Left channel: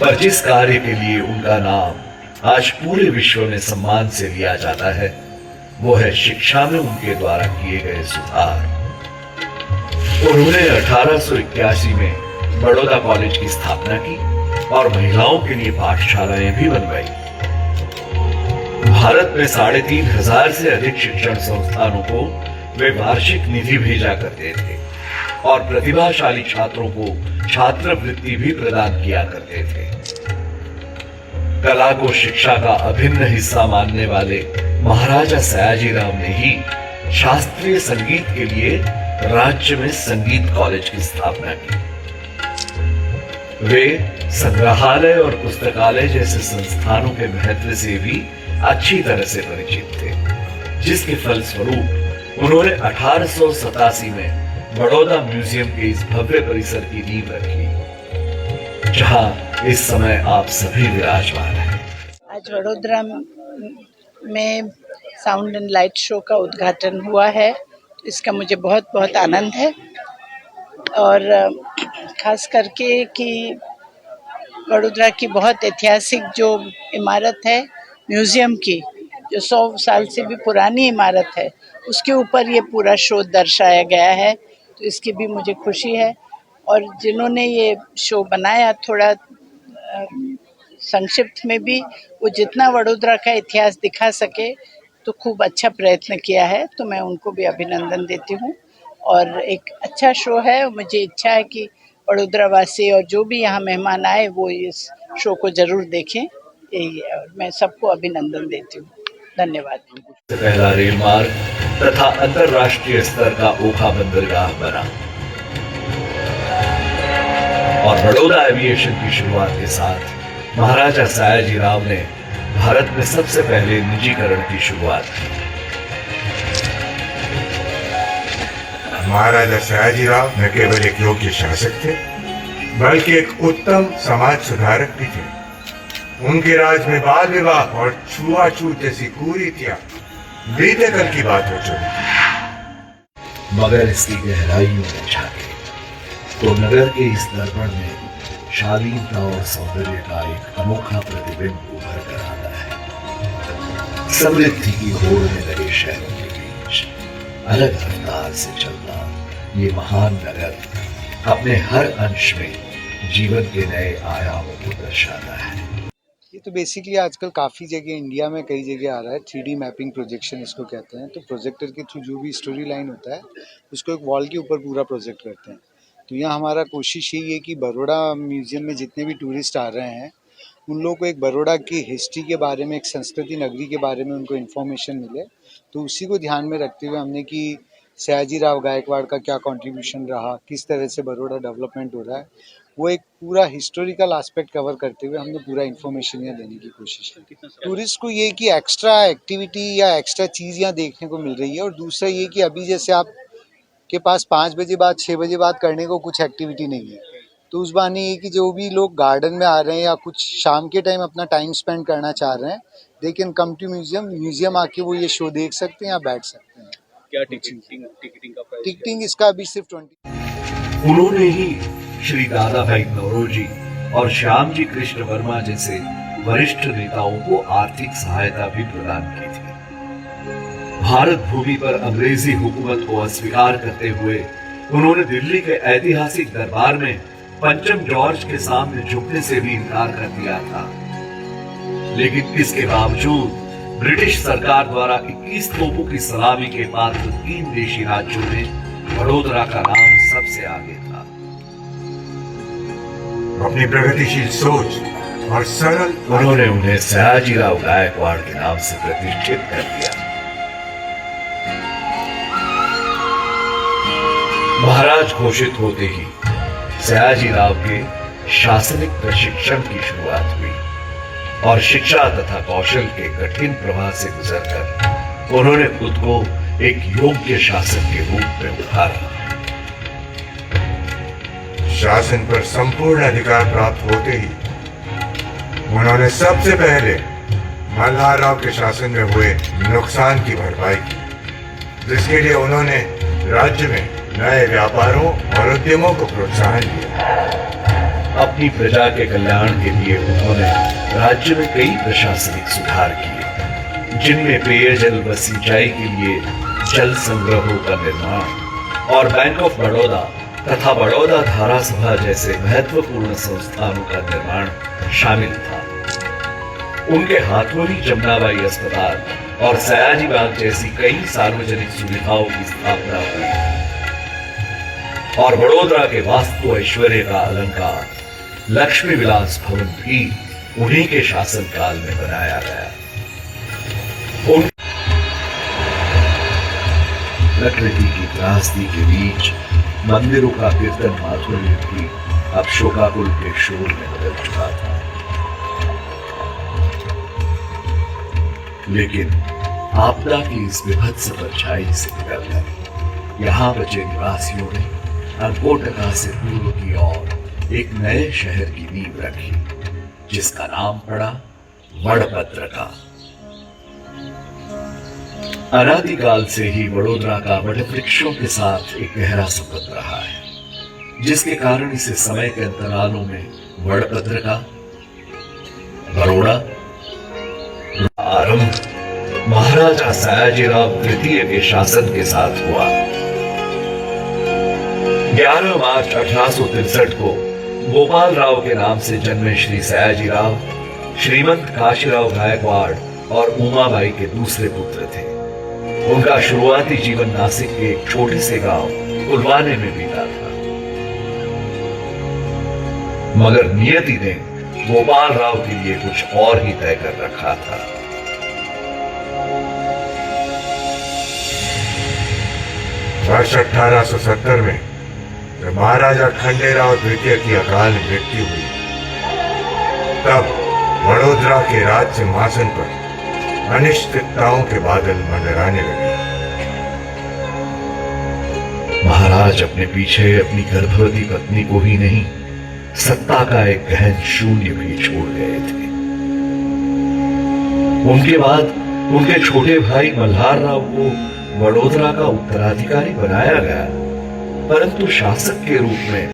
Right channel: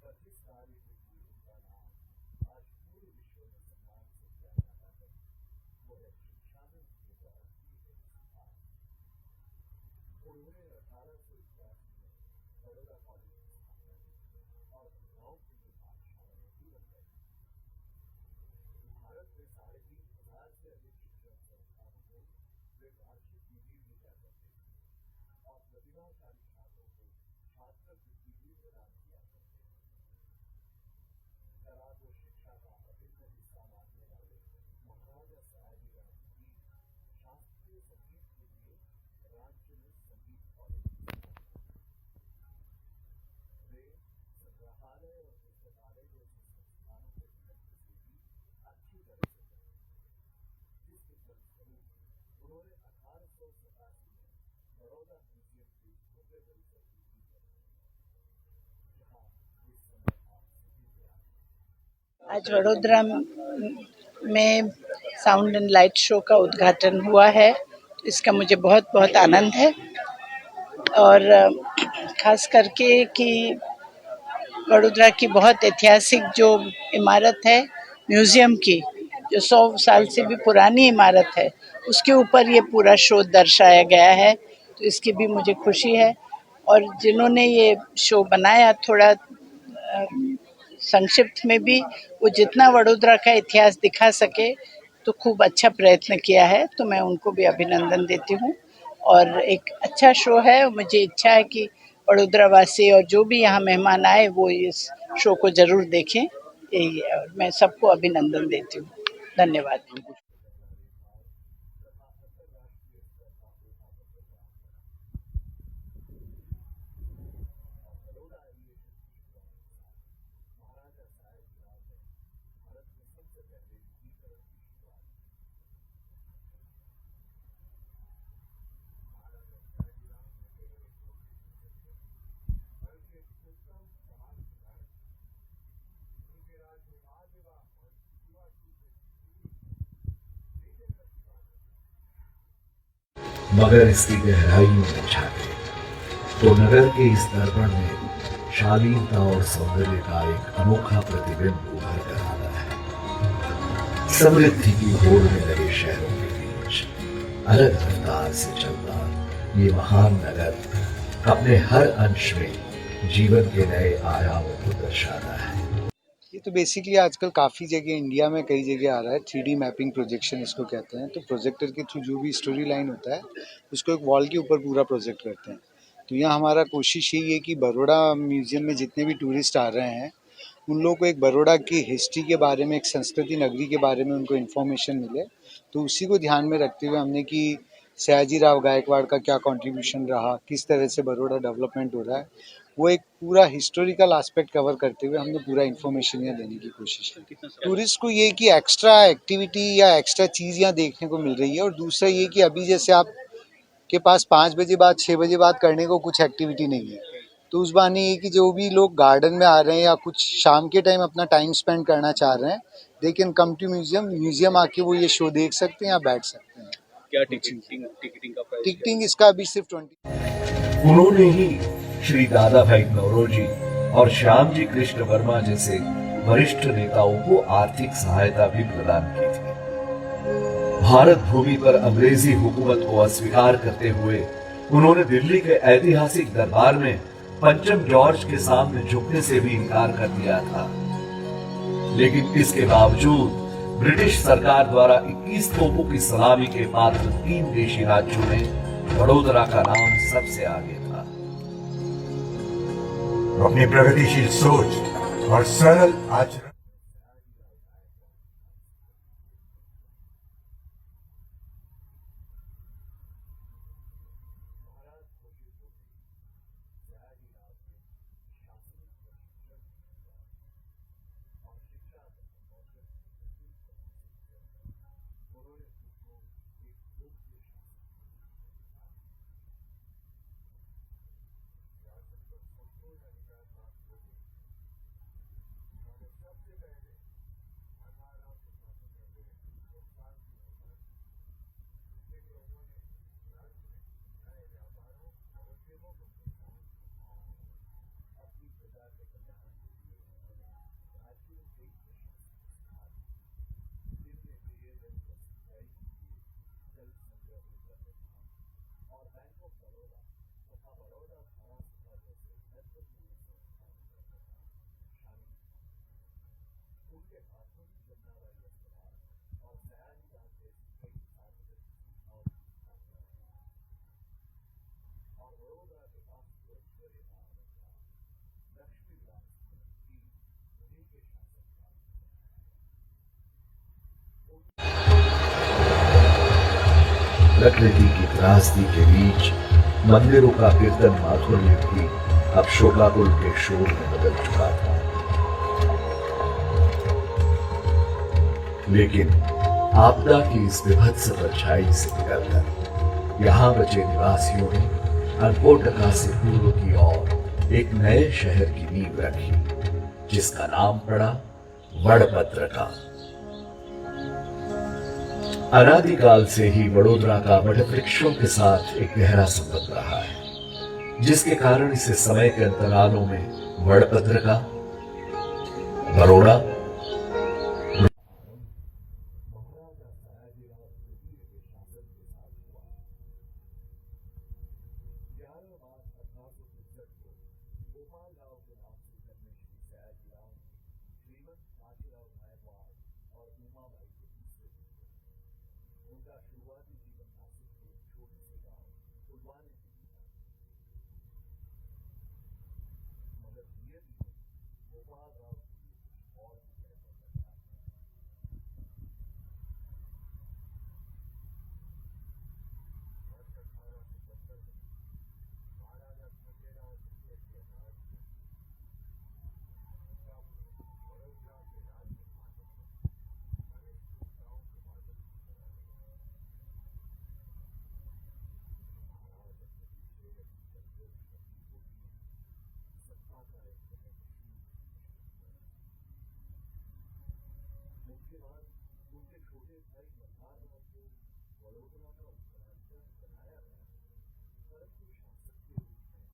पर जिस कार्य के लिए उनका नाम आज पूरे विश्व में सम्मान से लिया जाता है, वो है शिक्षा में उनके द्वारा किए गए सुधार। उन्होंने 1881 में बड़ौदा कॉलेज की स्थापना की और महिलाओं के लिए पाठशालाएं भी बनवाई। भारत में 3500 से अधिक शिक्षण संस्थानों को वे वार्षिक निधि भेजा करते थे और प्रतिभाशाली छात्रों को छात्रवृत्ति भी प्रदान किया करते थे। कला को शिक्षा का अभिन्न हिस्सा मानने वाले महाराजा सयाजीराव ने ही शास्त्रीय संगीत के लिए राज्य में संगीत कॉलेज की स्थापना की। वे संग्रहालय और पुस्तकालय जैसे संस्थानों के महत्व से भी अच्छी तरह से परिचित थे, जिसके फलस्वरूप उन्होंने 1887 में बड़ौदा म्यूजियम के इस भव्य परिसर की नींव रखी, जहां इस समय आप सभी विराजमान हैं। आज वडोदरा में साउंड एंड लाइट शो का उद्घाटन हुआ है, इसका मुझे बहुत बहुत आनंद है। और खास करके कि वडोदरा की बहुत ऐतिहासिक जो इमारत है म्यूजियम की, जो 100 साल से भी पुरानी इमारत है, उसके ऊपर ये पूरा शो दर्शाया गया है, तो इसकी भी मुझे खुशी है। और जिन्होंने ये शो बनाया, थोड़ा संक्षिप्त में भी वो जितना वडोदरा का इतिहास दिखा सके तो खूब अच्छा प्रयत्न किया है, तो मैं उनको भी अभिनंदन देती हूँ। और एक अच्छा शो है, मुझे इच्छा है कि वडोदरा वासी और जो भी यहाँ मेहमान आए वो इस शो को जरूर देखें, यही है। और मैं सबको अभिनंदन देती हूँ। धन्यवाद। पहला रेल मार्ग तथा अंतरराष्ट्रीय स्तर का ओखा बंदरगाह बना और बड़ौदा एविएशन की शुरुआत के साथ महाराजा सयाजीराव ने भारत में सबसे पहले निजीकरण की शुरुआत की। महाराजा सयाजीराव न केवल एक योग्य शासक थे, बल्कि एक उत्तम समाज सुधारक भी थे। उनके राज में बाल विवाह और छुआछूत जैसी कुरीतियां बीते कल की बात हो चुकी। मगर इसकी गहराइयों में झांके तो नगर के इस दर्पण में शालीनता और सौंदर्य का एक अनोखा प्रतिबिंब उभर कर आता है। समृद्धि की होड़ में लगे शहरों के बीच अलग रफ्तार से चलता ये महान नगर अपने हर अंश में जीवन के नए आयामों को दर्शाता है। ये तो बेसिकली आजकल काफ़ी जगह इंडिया में कई जगह आ रहा है, 3D मैपिंग प्रोजेक्शन इसको कहते हैं। तो प्रोजेक्टर के थ्रू जो भी स्टोरी लाइन होता है उसको एक वॉल के ऊपर पूरा प्रोजेक्ट करते हैं। तो यहाँ हमारा कोशिश यही है कि बड़ौदा म्यूजियम में जितने भी टूरिस्ट आ रहे हैं उन लोगों को एक बड़ौदा की हिस्ट्री के बारे में, एक संस्कृति नगरी के बारे में उनको इन्फॉर्मेशन मिले। तो उसी को ध्यान में रखते हुए हमने कि सयाजीराव गायकवाड़ का क्या कंट्रीब्यूशन रहा, किस तरह से बड़ौदा डेवलपमेंट हो रहा है, वो एक पूरा हिस्टोरिकल एस्पेक्ट कवर करते हुए हमने पूरा इन्फॉर्मेशन यहाँ देने की कोशिश की। टूरिस्ट को ये कि एक्स्ट्रा एक्टिविटी या एक्स्ट्रा चीज़ यहाँ देखने को मिल रही है। और दूसरा ये कि अभी जैसे आप के पास 5 बजे बाद 6 बजे बाद करने को कुछ एक्टिविटी नहीं है, तो उस बहाने ये कि जो भी लोग गार्डन में आ रहे हैं या कुछ शाम के टाइम अपना टाइम स्पेंड करना चाह रहे हैं, they can come to museum आके वो ये शो देख सकते हैं या बैठ सकते हैं। क्या टिकटिंग का प्राइस? टिकटिंग इसका अभी सिर्फ 20। उन्होंने ही श्री दादा भाई नौरोजी और श्याम जी कृष्ण वर्मा जैसे वरिष्ठ नेताओं को आर्थिक सहायता भी प्रदान की थी। भारत भूमि पर अंग्रेजी हुकूमत को अस्वीकार करते हुए उन्होंने दिल्ली के ऐतिहासिक दरबार में पंचम जॉर्ज के सामने झुकने से भी इनकार कर दिया था। लेकिन इसके बावजूद ब्रिटिश सरकार द्वारा 21 तोपों की सलामी के पात्र 3 देशी राज्यों में वडोदरा का नाम सबसे आगे था। अपनी प्रगतिशील सोच और सरल उन्होंने उन्हें सयाजीराव गायकवाड़ के नाम से प्रतिष्ठित कर दिया। महाराज घोषित होते ही सयाजीराव के शासनिक प्रशिक्षण की शुरुआत हुई और शिक्षा तथा कौशल के कठिन प्रवाह से गुजरकर उन्होंने खुद को एक योग्य शासक के रूप में उतारा। शासन पर संपूर्ण अधिकार प्राप्त होते ही उन्होंने सबसे पहले मल्हारराव के शासन में हुए नुकसान की भरपाई की, जिसके लिए उन्होंने राज्य में नए व्यापारों और उद्यमों को प्रोत्साहन दिया। अपनी प्रजा के कल्याण के लिए उन्होंने राज्य में कई प्रशासनिक सुधार किए, जिनमें पेयजल व सिंचाई के लिए जल संग्रहों का निर्माण और बैंक ऑफ बड़ौदा तथा बड़ौदा धारा सभा जैसे महत्वपूर्ण संस्थानों का निर्माण शामिल था। उनके हाथों ही जमुनाबाई अस्पताल और सयाजी बाग जैसी कई सार्वजनिक सुविधाओं की स्थापना हुई और वडोदरा के वास्तु ऐश्वर्य का अलंकार लक्ष्मी विलास भवन भी उन्हीं के शासनकाल में बनाया गया। प्रकृति की त्रासदी के बीच मंदिरों का कीर्तन माधुर्य भी अब शोकाकुल के शोर में बदल चुका था। लेकिन आपदा की इस विभत्स परछाई से निकलकर यहाँ बचे निवासियों ने अनकोटका से पूर्व की ओर एक नए शहर की नींव रखी, जिसका नाम पड़ा वडपत्रका। अनादिकाल से ही वडोदरा का वटवृक्षों के साथ एक गहरा संबंध रहा है, जिसके कारण इसे समय के अंतरालों में वडपत्रका, बरोड़ा आरंभ महाराजा सयाजीराव तृतीय के शासन के साथ हुआ। 11 मार्च 1863 को गोपाल राव के नाम से जन्मे श्री सयाजीराव श्रीमंत काशीराव गायकवाड़ और उमाबाई के दूसरे पुत्र थे। उनका शुरुआती जीवन नासिक के एक छोटे से गांव कुलवाने में बीता था, मगर नियति ने गोपाल राव के लिए कुछ और ही तय कर रखा था। वर्ष 1870 में जब महाराजा खंडेराव द्वितीय की अकाल मृत्यु हुई, तब वडोदरा के राज सिंहासन पर अनिश्चितताओं के बादल मंडराने लगे। महाराज अपने पीछे अपनी गर्भवती पत्नी को ही नहीं, सत्ता का एक गहन शून्य भी छोड़ गए थे। उनके बाद उनके छोटे भाई मल्हार राव को वडोदरा का उत्तराधिकारी बनाया गया, परंतु शासक के रूप में